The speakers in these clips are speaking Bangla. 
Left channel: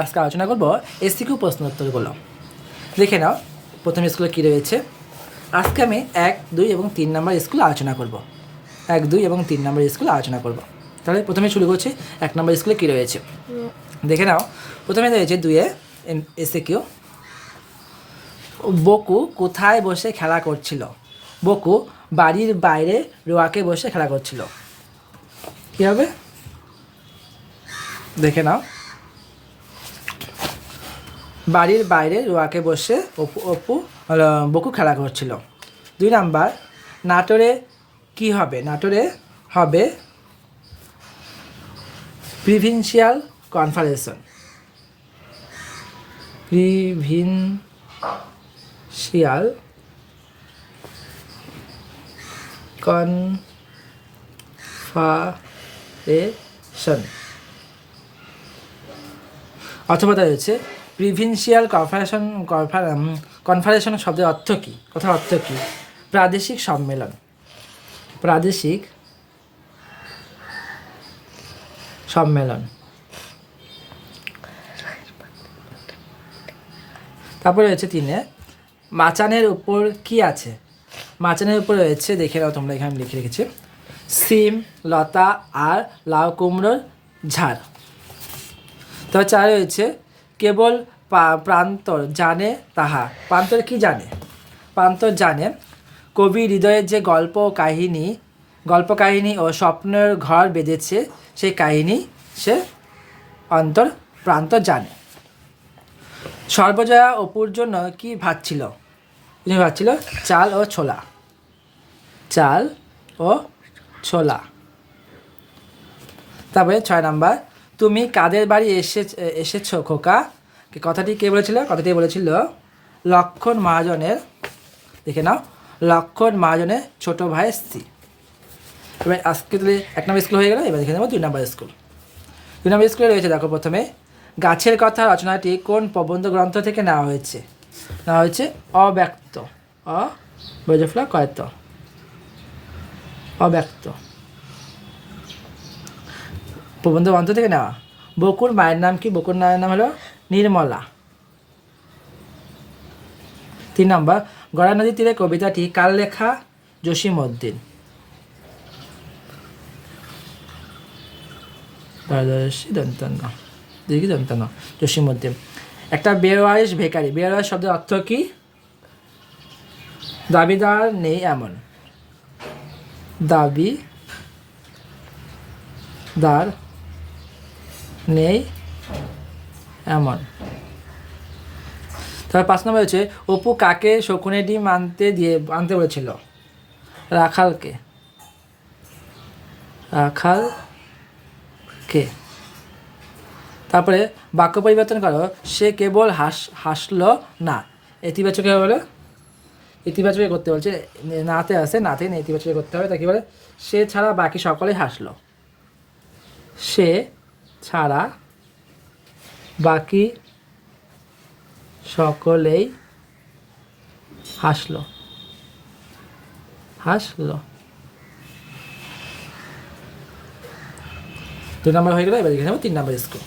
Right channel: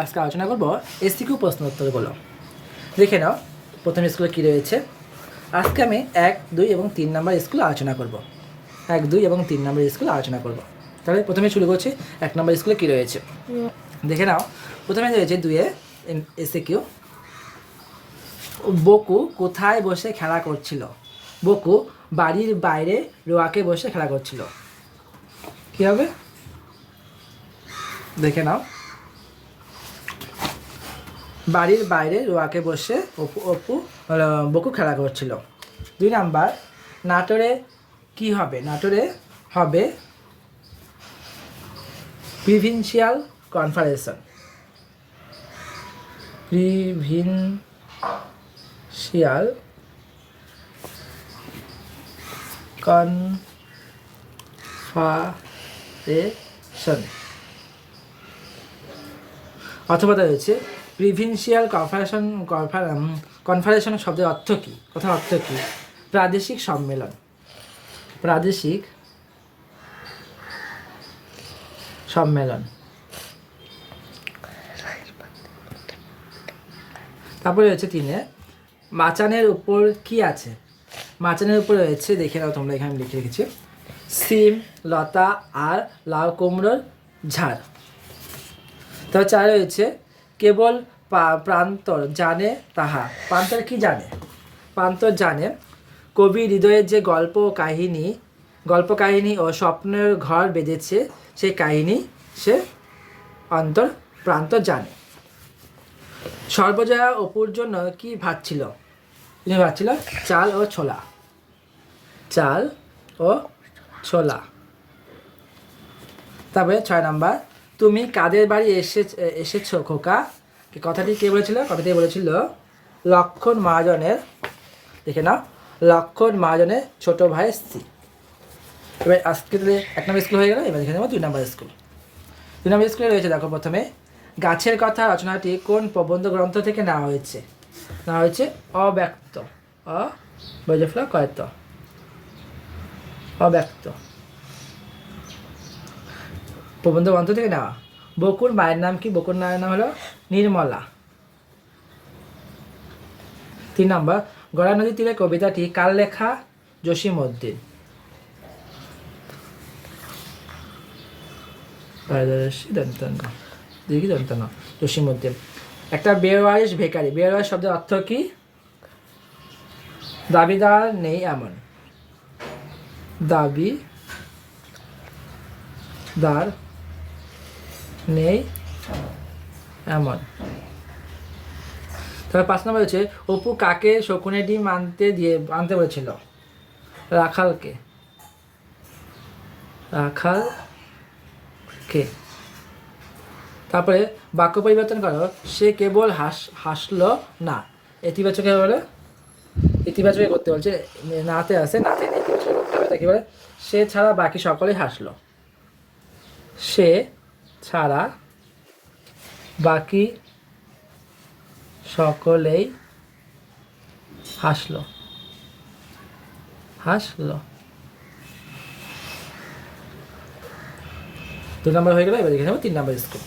আজকে আলোচনা করব এসসিকিউ প্রশ্ন উত্তরগুলো। দেখে নাও প্রথম স্কুলে কী রয়েছে। আজকে আমি 1, 2 এবং 3 নম্বর স্কুল আলোচনা করব। 1, 2 এবং 3 নম্বর স্কুল আলোচনা করব। তাহলে প্রথমে শুরু করছি 1 নম্বর স্কুলে কী রয়েছে। দেখে নাও প্রথমে রয়েছে 2-এ এসসিকিউ। বকু কোথায় বসে খেলা করছিল? বকু বাড়ির বাইরে রোয়াকে বসে খেলা করছিল। কী হবে? দেখে নাও, বাড়ির বাইরে রোয়াকে বসে বকু খেলা করছিল। 2 নাম্বার, নাটোরে কি হবে? নাটোরে হবে প্রিভিনশিয়াল কনফারেন্স। প্রিভিনশিয়াল কনফারেন্স অথবা রয়েছে প্রিভিনশিয়াল কনফারেন্স শব্দের অর্থ কী? কথার অর্থ কী? প্রাদেশিক সম্মেলন। প্রাদেশিক সম্মেলন। তারপরে রয়েছে 3-এ, মাচানের উপর কি আছে? মাচানের উপর রয়েছে, দেখে নাও তোমরা, এখানে লিখে রেখেছি, সিম, লতা আর লাউ কুমড়োর ঝাড়। তবে 4 রয়েছে, কেবল প্রান্তর জানে তাহা। প্রান্তর কি জানে? প্রান্তর জানে কবি হৃদয়ে যে গল্প কাহিনী ও স্বপ্নের ঘর বেঁধেছে, সেই কাহিনী সে প্রান্তর জানে। সর্বজয়া অপুর জন্য কি ভাবছিল? তিনি ভাবছিল চাল ও ছোলা। চাল ও ছোলা। তারপরে 6 নাম্বার, তুমি কাদের বাড়ি এসেছো খোকা? কথাটি কে বলেছিল? কথাটি বলেছিল লক্ষণ মহাজনের, দেখে নাও, লক্ষণ মহাজনের ছোট ভাইয়ের স্ত্রী। এবার আজকে তাহলে 1 নম্বর স্কুল হয়ে গেল। এবার দেখে নেব 2 নম্বর স্কুল। 2 নম্বর স্কুলে রয়েছে, দেখো প্রথমে, গাছের কথা রচনাটি কোন প্রবন্ধ গ্রন্থ থেকে নেওয়া হয়েছে? নেওয়া হয়েছে অব্যক্ত। অব্যক্ত প্রবন্ধ গ্রন্থ থেকে নেওয়া। বকুর মায়ের নাম কি? বকুর মায়ের নাম হলো নির্মলা। 3 নম্বর, গড়া নদীর তীরে কবিতাটি কার লেখা? জসীমউদ্দিন। জসীমউদ্দিন। একটা বেওয়ারিশ ভিখারি। বেওয়ারিশ শব্দের অর্থ কি? দাবিদার নেই এমন। দাবিদার নেই এমন। তারপর 5 নম্বর হচ্ছে, অপু কাকে শকুনের ডিম আনতে বলেছিল? রাখালকে। তারপরে বাক্য পরিবর্তন করো, সে কেবল হাসলো না। ইতিবাচকে বলে, ইতিবাচকে করতে বলছে, নাতে আছে, নাতে নেতিবাচকে করতে হবে। তাকে বলে সে ছাড়া বাকি সকলেই হাসলো। সে ছাড়া বাকি সকলেই হাসলো। 2 নম্বর হয়ে গেল। এবার দেখে নেব 3 নম্বর স্কুল।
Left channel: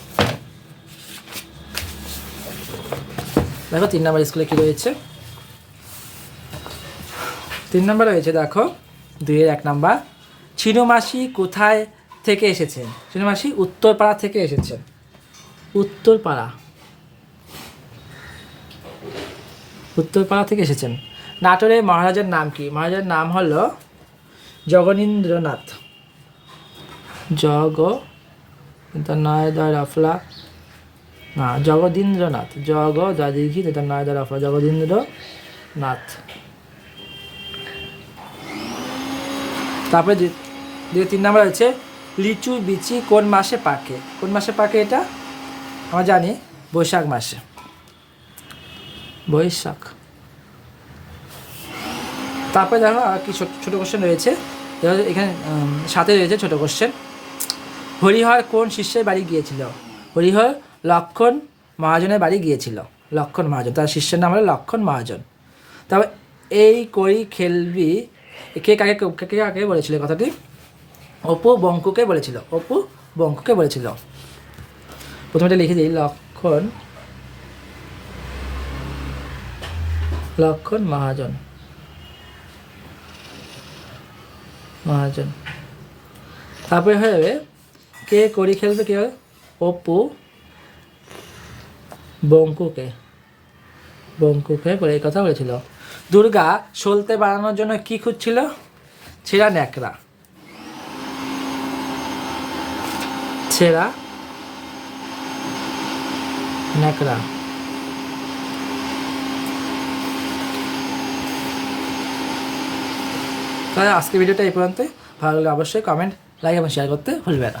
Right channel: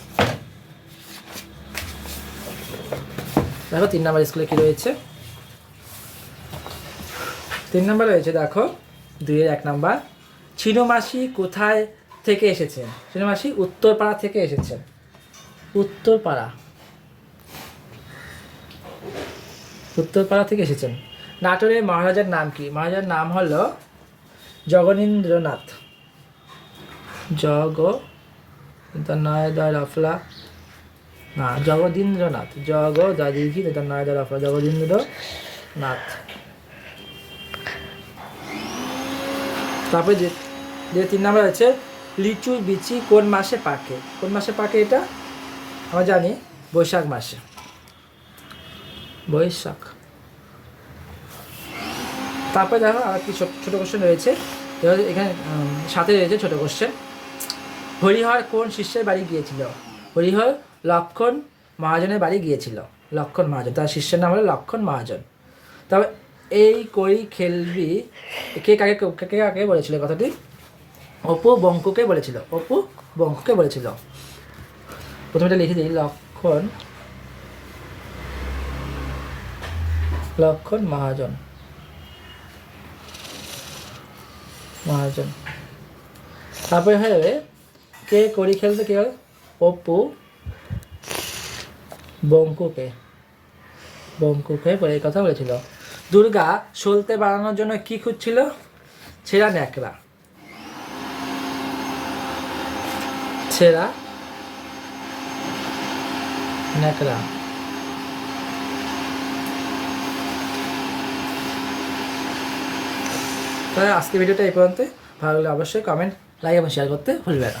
দেখো 3 নম্বর স্কুলে কি রয়েছে। 3 নম্বর রয়েছে, দেখো 2-এর 1 নম্বর, ছিনুমাসি কোথায় থেকে এসেছেন? ছিনুমাসি উত্তরপাড়া থেকে এসেছেন। উত্তরপাড়া থেকে এসেছেন। নাটোরের মহারাজার নাম কি? মহারাজার নাম হলো জগনীন্দ্রনাথ। জগদীন্দ্রনাথ। জগদীন্দ্রনাথ। তারপরে যে 3 নম্বর আছে, লিচু বিচি কোন মাসে পাকে? কোন মাসে পাকে এটা? আমরা জানি বৈশাখ মাসে। বৈশাখ। তারপরে দেখো আর কি ছোটো কোশ্চেন রয়েছে। এখানে সাথে রয়েছে ছোটো কোশ্চেন। হরিহর কোন শিষ্যের বাড়ি গিয়েছিল? হরিহর লক্ষণ মহাজনের বাড়ি গিয়েছিল। লক্ষণ মহাজন, তার শিষ্যের নাম হলো লক্ষণ মহাজন। তারপর এই কই খেলবি কে কাকে বলেছিল কথাটি? অপু বঙ্কুকে বলেছিল। প্রথমে লিখে দিই, লক্ষণ মহাজন। তারপরে হবে কে কড়ি খেলতে, কি হবে অপু বঙ্কুকে পরে এই কথা বলেছিল। দুর্গা সলতে বানানোর জন্য কি খুঁজছিল? ছেঁড়া ন্যাকড়া। তাহলে আজকে ভিডিওটা এই পর্যন্ত। ভালো লাগলে অবশ্যই কমেন্ট, লাইক এবং শেয়ার করতে ভুলবে না।